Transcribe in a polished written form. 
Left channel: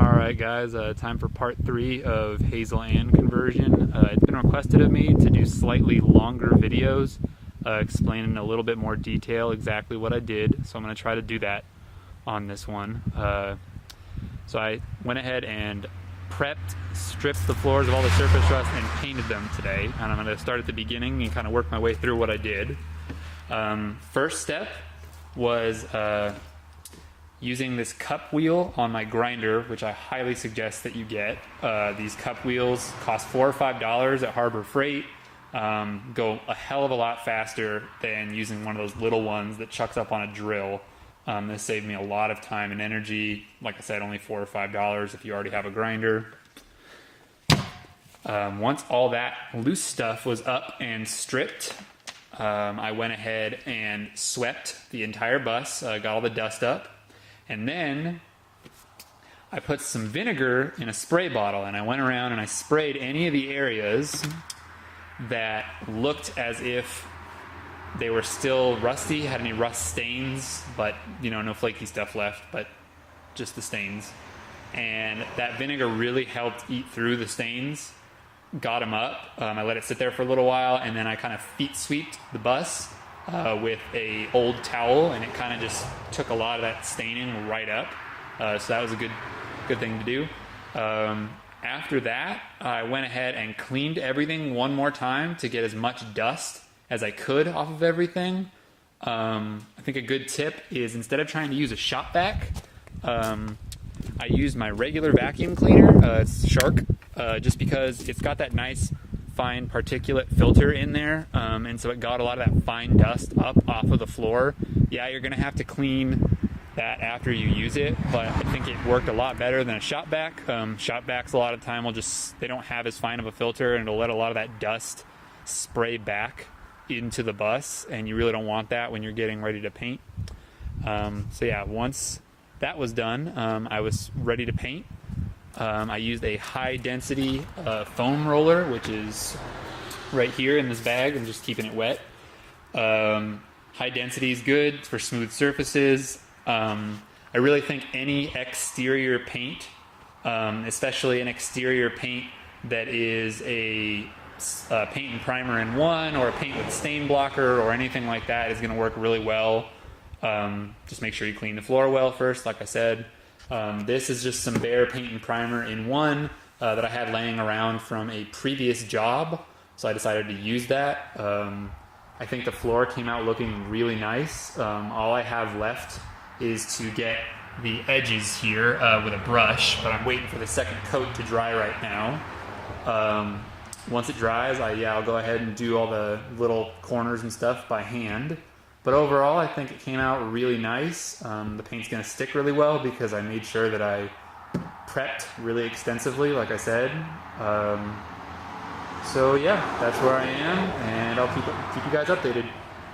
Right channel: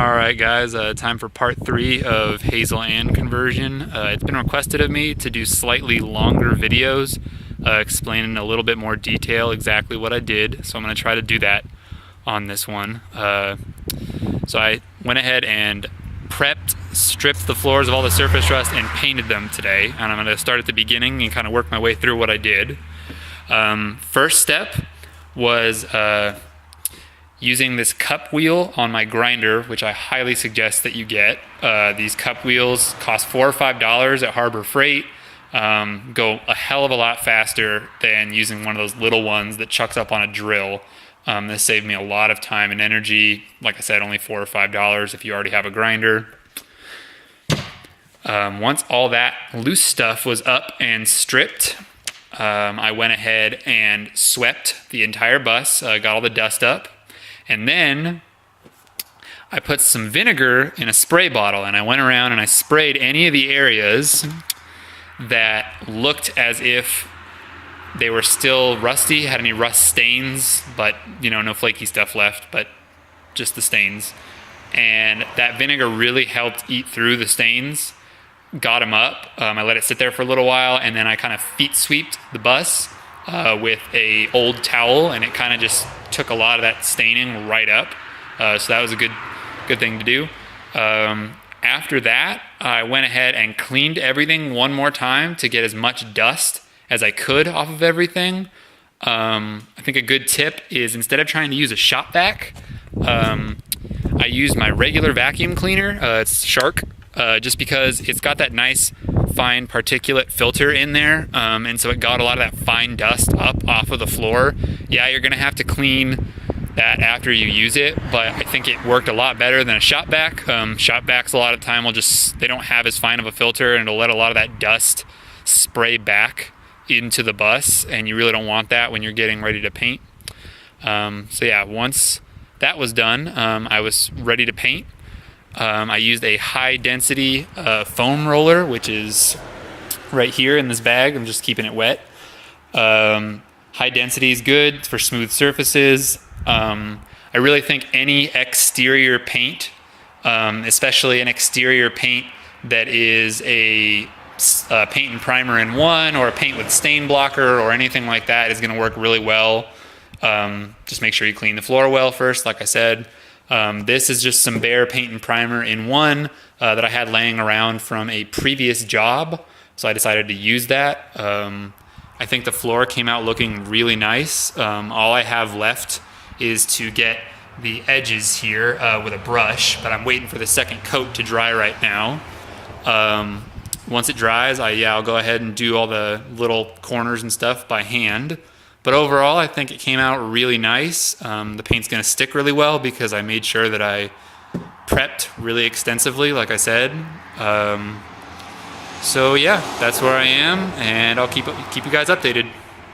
Alright guys, time for part 3 of Hazel and conversion. It's been requested of me to do slightly longer videos explaining in a little bit more detail exactly what I did, so I'm going to try to do that on this one. So I went ahead and prepped, stripped the floors of all the surface rust and painted them today, and I'm going to start at the beginning and kind of work my way through what I did. First step was using this cup wheel on my grinder, which I highly suggest that you get. These cup wheels cost $4 or $5 at Harbor Freight. Go a hell of a lot faster than using one of those little ones that chucks up on a drill. This saved me a lot of time and energy. Like I said, only $4 or $5 if you already have a grinder. Once all that loose stuff was up and stripped, I went ahead and swept the entire bus, got all the dust up. And then I put some vinegar in a spray bottle and I went around and I sprayed any of the areas that looked as if they were still rusty, had any rust stains, but no flaky stuff left, but just the stains. And that vinegar really helped eat through the stains, got them up. I let it sit there for a little while, and then I kind of feet sweeped the bus with a old towel, and it kind of just took a lot of that staining right up. So that was a good thing to do. After that, I went ahead and cleaned everything one more time to get as much dust as I could off of everything. I think a good tip is, instead of trying to use a shop vac, I used my regular vacuum cleaner. It's Shark, just because it's got that nice fine particulate filter in there, and so it got a lot of that fine dust up off of the floor. Yeah, you're gonna have to clean that after you use it, but I think it worked a lot better than a shop vac. Shop vacs a lot of the time they don't have as fine of a filter, and it'll let a lot of that dust spray back into the bus, and you really don't want that when you're getting ready to paint. So yeah, once that was done, I was ready to paint. I used a high density foam roller, which is right here in this bag. I'm just keeping it wet. High density is good for smooth surfaces. I really think any exterior paint, especially an exterior paint that is a paint and primer in one, or a paint with stain blocker or anything like that, is going to work really well. Just make sure you clean the floor well first, like I said. This is just some bare paint and primer in one that I had laying around from a previous job, so I decided to use that. I think the floor came out looking really nice. All I have left is to get the edges here with a brush, but I'm waiting for the second coat to dry right now. Once it dries, I'll go ahead and do all the little corners and stuff by hand. But overall, I think it came out really nice. The paint's gonna stick really well because I made sure that I prepped really extensively, like I said. So yeah, that's where I am, and I'll keep you guys updated.